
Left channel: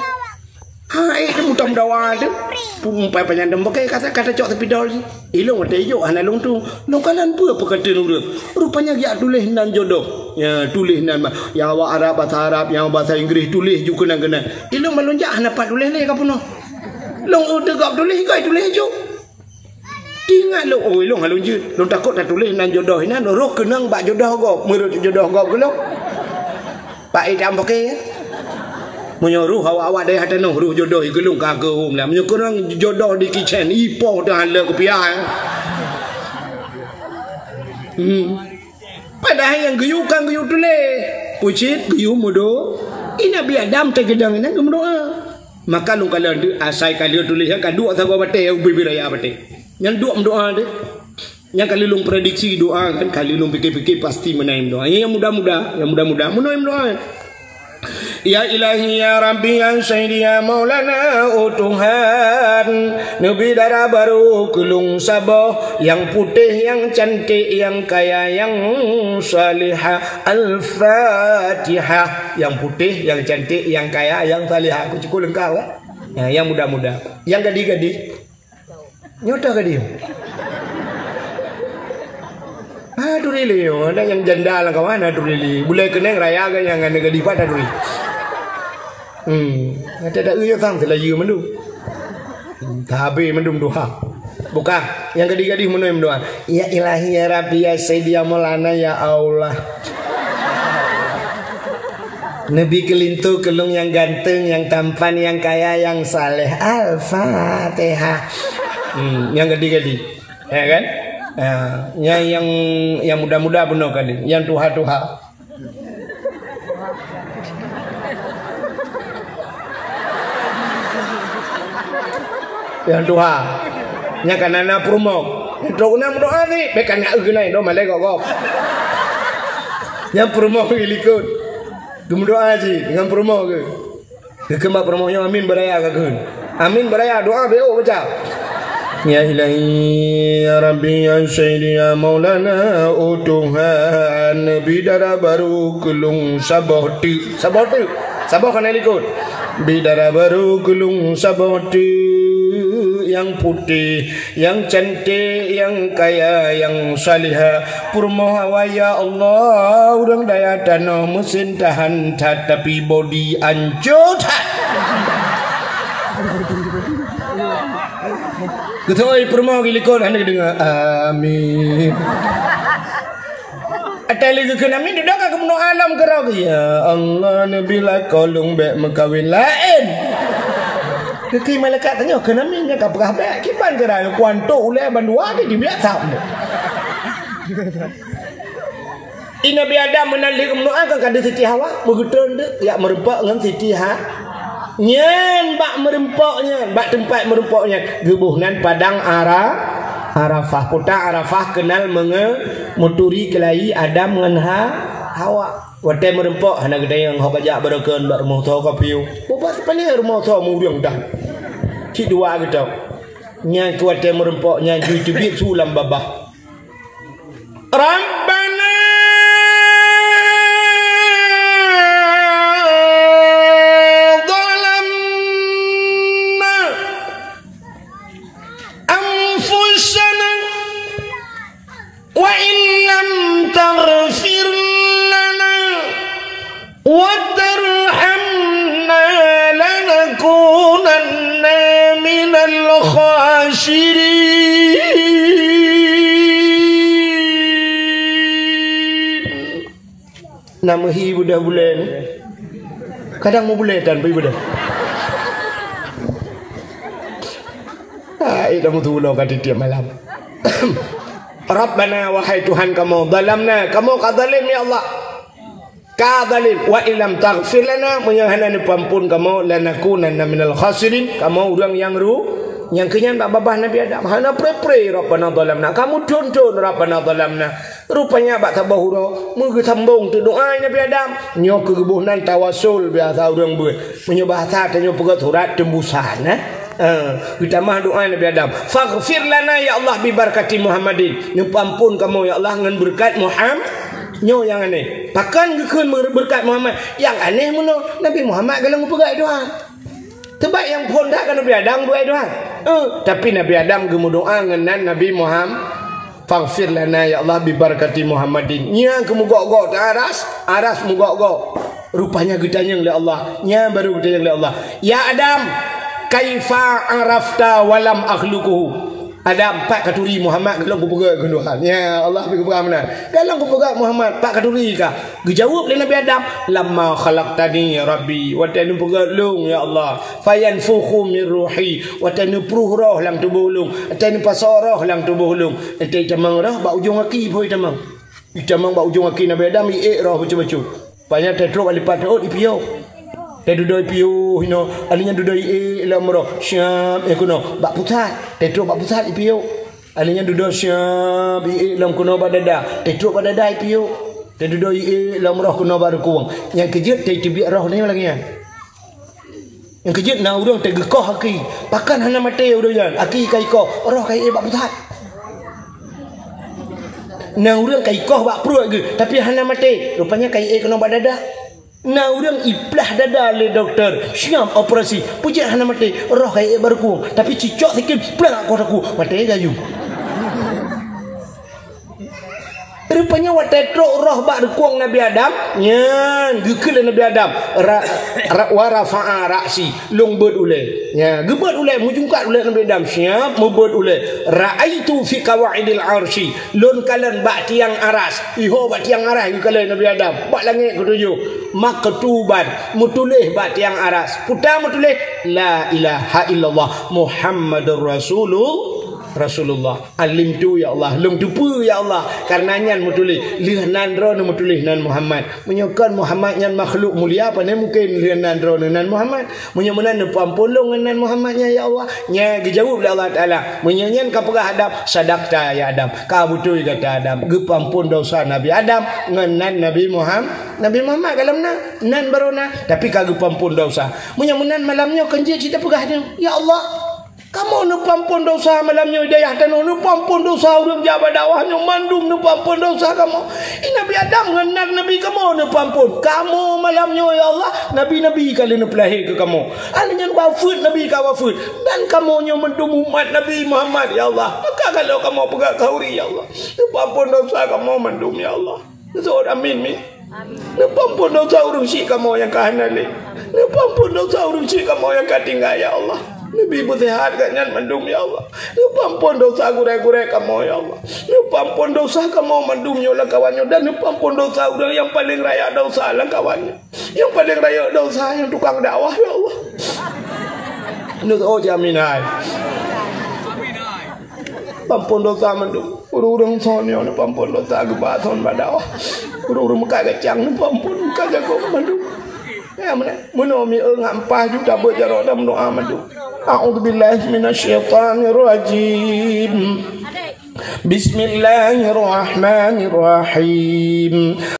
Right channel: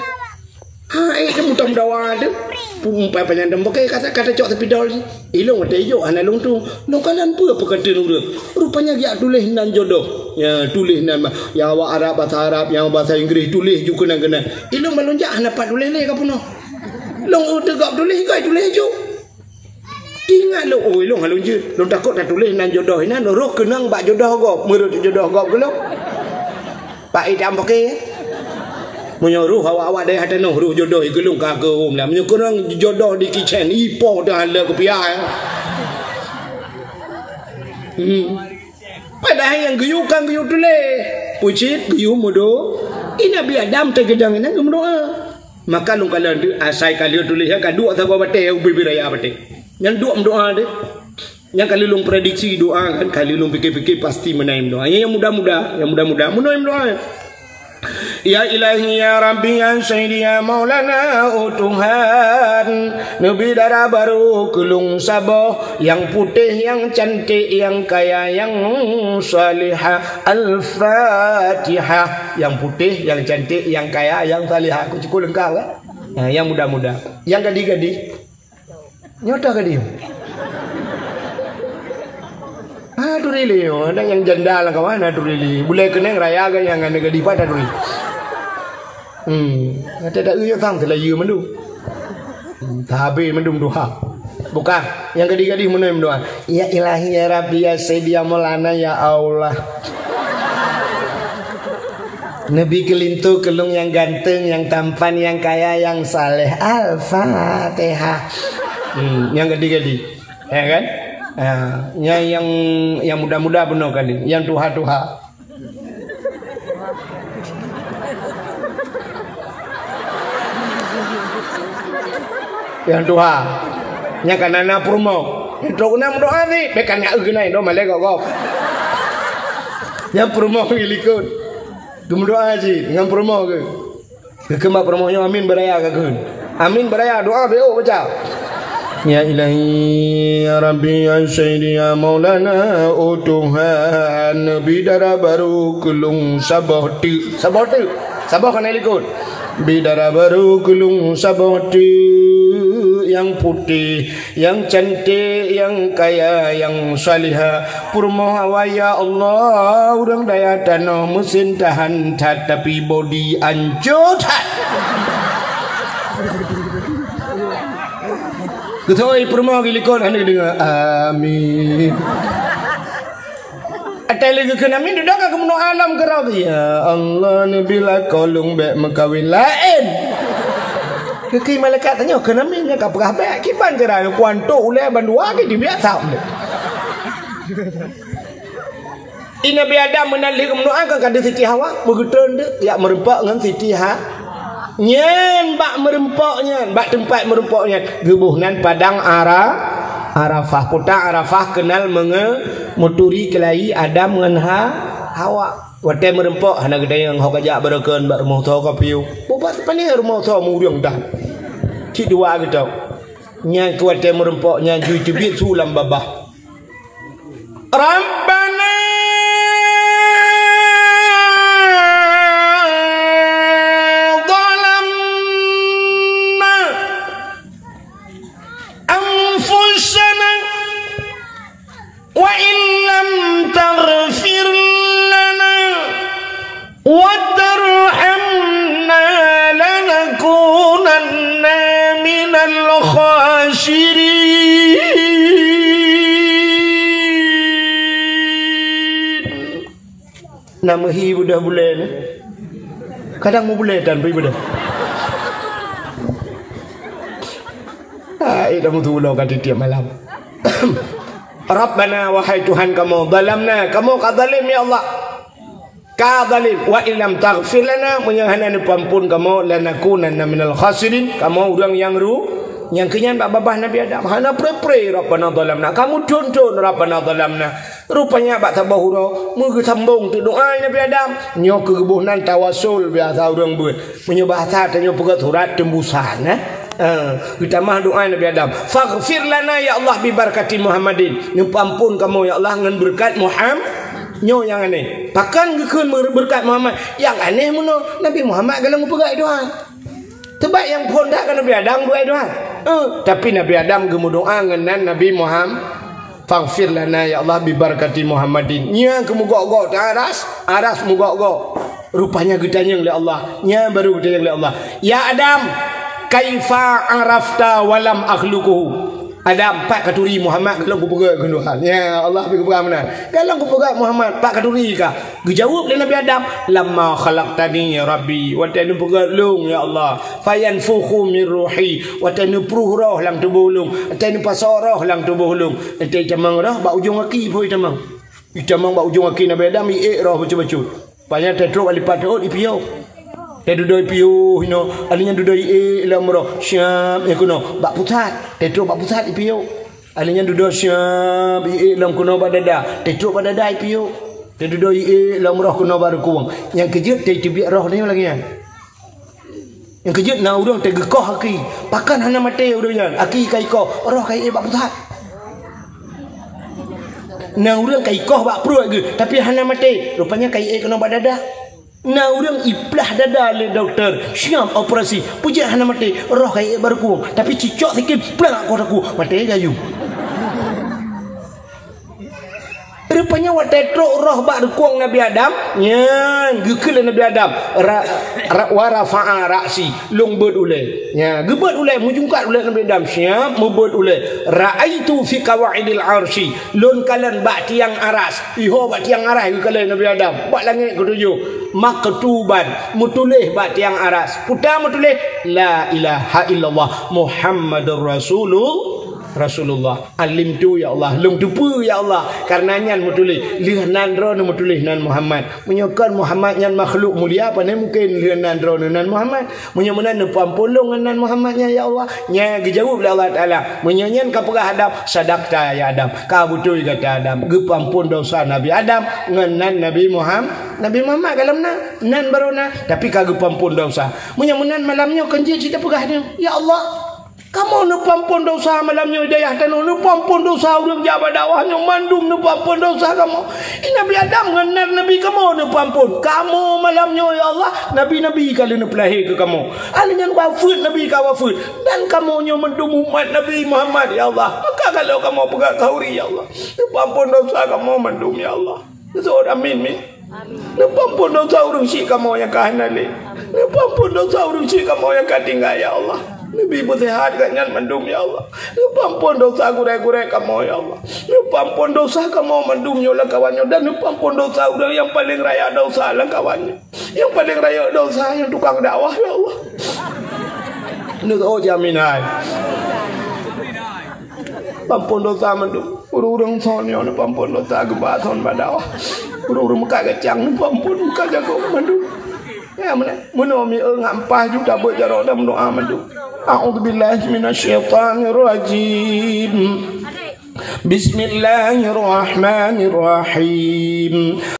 Kamu tak mendawa tu. Pumpai penyandang pakai kata cok sepidol ni. Ilung ada hijau anak long tu. Long kalan apa kata nurut. Rupanya dia tulis nan jodoh. Ya tulis nan yang awak Arab bahasa Arab, yang bahasa Inggeris tulis juga kena. Ilung melonjak dapat tulis ni ke puno. Long tegak tulis juga tulis je. Tinggal lo long halun je. Long takut nak tulis nan jodoh ina roh kenang bak jodoh gop. Menurut jodoh gop ke lo. Pak idam pakai. Menyuruh awak-awak dari hati roh jodoh igelung ka ke om lah. Menyuruh jodoh di kitchen ipoh dah hala kepiah. Padahal yang geyu tulis. Pucit geyu modo. Ina Nabi Adam tergedang ina gemudoa. Maka lu kalau asai kali tulis yang kedua atau bate ubi raya bate. Yang dua doa deh. Yang kali lu prediksi doa kan kali lu fikir-fikir pasti menaim doa. Yang mudah-mudah menaim doa. Ya ilahi ya rabbi ya sayyidi ya maulana oh Tuhan Nabi darah baru kulung sabah yang putih yang cantik yang kaya yang salihah al-fatihah yang putih yang cantik yang kaya yang salihah aku cukup lengkap yang mudah-mudah yang gadis-gadis nyota gadis Durili, ada yang janda lah kawan, durili. Boleh kena raya kan yang ada gadis pada durili. Ada uyah sang selayu mendu. Tahabe mendum doa. Bukan, yang gadis-gadis mendu doa. Ya ilahi ya Rabbi ya Sayyidi ya Maulana ya Allah. Nabi kelintu kelung yang ganteng, yang tampan, yang kaya, yang saleh. Al-Fatihah. Yang gadis-gadis, ya kan? Yang muda-muda benar kali, yang tuha-tuha. Yang tuha, yang kanana promo. Itu kena berdoa ni, bekan nak guna itu malah gok. Yang promo ilikut, berdoa aja dengan promo ke. Kemak promonya amin beraya ke? Amin beraya doa beo baca. Ya ilahi ya rabbi ya sayyidi ya maulana o Tuhan bidara baru kulung sabah kena ikut bidara baru kulung sabah yang putih, yang cantik, yang kaya, yang salihah. Purmohawa ya Allah, urang daya tanah mesin tahan tapi body ancut. Getoi purmoha gilikon ane dengar amin. Atali ke kami duduk ke menung alam kerap ya Allah nabi la kolong bek mekawin lain. Kiki malaikat tanya kenapa nya ka pegah bek kiban kera kuanto ulai bandua ke di biasa. Ina bi Adam menalik mendoa kan kada Siti Hawa begitu ndak ya merempak dengan Siti Ha. Nyen bak merempaknya, bak tempat merempaknya gebuhnan padang Arafah. Kota Arafah kenal muturi kelai Adam dengan Hawa. Watai merempok hana gede yang hok ajak barakan bak rumah tho kapiu. Buat pani rumah tho muriang dah. Cik dua gitu. Nya kuatai merempok nya jujubit sulam babah. Rabbana dhalamna anfusana wa illam taghfir وَتَرْحَمْنَا لَنَكُونَنَّ مِنَ الْخَاسِرِينَ. Nama hi budak boleh ni. Kadang mau boleh dan budak. Kamu tolong kat tiap malam. Rabbana wahai Tuhan kamu zalamna, kamu kadzalim ya Allah. Kadzalim wa illam taghfir lana menyahana ni pampun kamu lanakunanna minal khasirin, kamu orang yang kenyan babah Nabi Adam hana pre Rabbana zalamna, kamu don Rabbana zalamna. Rupanya bak tabahuro mu sambung tu doa Nabi Adam nyo kegebuhnan tawasul biasa orang buat menyo bahasa tanyo pegat surat tembusan kita mah doa Nabi Adam faghfir lana ya Allah bi barakati Muhammadin, ni pampun kamu ya Allah dengan berkat Muhammad. Nyo yang aneh pakan gekun berkat Muhammad yang aneh mono Nabi Muhammad galang pegai doa terbaik yang pun dak kan Nabi Adam buat doa tapi Nabi Adam gemu doa ngenan Nabi Muhammad faghfir lana ya Allah bi barakati Muhammadin nya kemugok-gok aras mugok-gok rupanya gedanyang oleh Allah nya baru gedanyang oleh Allah ya Adam kaifa arafta walam akhluquhu. Ada 4 katuri Muhammad kalau ku pegang kenuhan. Ya Allah pergi pegang mana? Kalau ku pegang Muhammad 4 katuri kah? Dijawab oleh Nabi Adam, "Lamma khalaqtani ya Rabbi, wa tanu pegang lung ya Allah. Fayanfukhu min ruhi, wa tanu pruh roh lang tubuh lung, tanu pasarah lang tubuh lung. Ente camang roh ba ujung kaki poi camang. Camang ba ujung kaki Nabi Adam roh bacu-bacu. Banyak tetrok alipat di piau. Duduk piu hino alinya duduk lamro syam kuno bak pusat tetruk bak pusat piu alinya duduk syam lam kuno badada tetruk badada piu duduk lamro kuno baru kuang yang kejut te tibiak roh ni lagi yang kejut na urang te gekoh aki pakan hana mate urang aki kai ko roh kai bak pusat na urang kai koh bak pru ge tapi hana mate rupanya kai kuno badada. Nah orang iplah dada le doktor siap operasi puji hana mati roh kai berku tapi cicok sikit plak kotaku mati gayu rupanya watetro roh bak rekuang Nabi Adam nya gekil Nabi Adam wa rafa'a ra'si long beut ule nya gebeut ule mujungkat ule Nabi Adam siap mubut ule ra'aitu fi qawaidil arsy lon kalan bak tiang aras iho bak tiang aras gekil Nabi Adam bak langit ketujuh maktuban mutulih bak tiang aras putar mutulih la ilaha illallah Muhammadur Rasulullah alim tu ya Allah lung tupu ya Allah karenanya mutulih lihanan ro mutulih nan Muhammad menyokan Muhammad yang makhluk mulia apa ni mungkin lihanan ro nan Muhammad menyomenan pampulung nan Muhammadnya ya Allah nya dijawab oleh Allah Taala menyanyian ka pegah hadap sadaqta ya Adam ka betul kata Adam gepampun dosa Nabi Adam ngan Nabi Muhammad kalam nan barona tapi kagak pampun dosa menyomenan malamnya kenje cerita pegah dia ya Allah Kamu nu pampun dosa malamnya hidayah tanah nu pampun dosa urang jabat dakwahnya mandum nu pampun dosa kamu. Nabi Adam ngenar Nabi kamu nu pampun. Kamu malamnya ya Allah Nabi kali nu pelahir ke kamu. Alanya wafud Nabi ka wafud dan kamu nya mendum umat Nabi Muhammad ya Allah. Maka kalau kamu pegang kauri ya Allah. Nu pampun dosa kamu mendum ya Allah. Betul amin mi. Nu pampun dosa urang si kamu yang kahanale. Nu pampun dosa urang si kamu yang katinggal ya Allah. Nabi bersehat kan mendum ya Allah. Pampun dosa gurek-gurek kamu ya Allah. Pampun dosa kamu mendum nyola kawannya dan pampun dosa udah yang paling raya dosa lah kawannya. Yang paling raya dosa yang tukang dakwah ya Allah. Ini oh jamin hai. Pampun dosa mendum. Urang sonyo pampun dosa gebaton badakwah. Urang muka kacang pampun muka jago mendum. Ya mana? Menomi ngampah juga berjarak dalam doa mendum. A'udzubillahi minasyaitonirrajim. Bismillahirrahmanirrahim.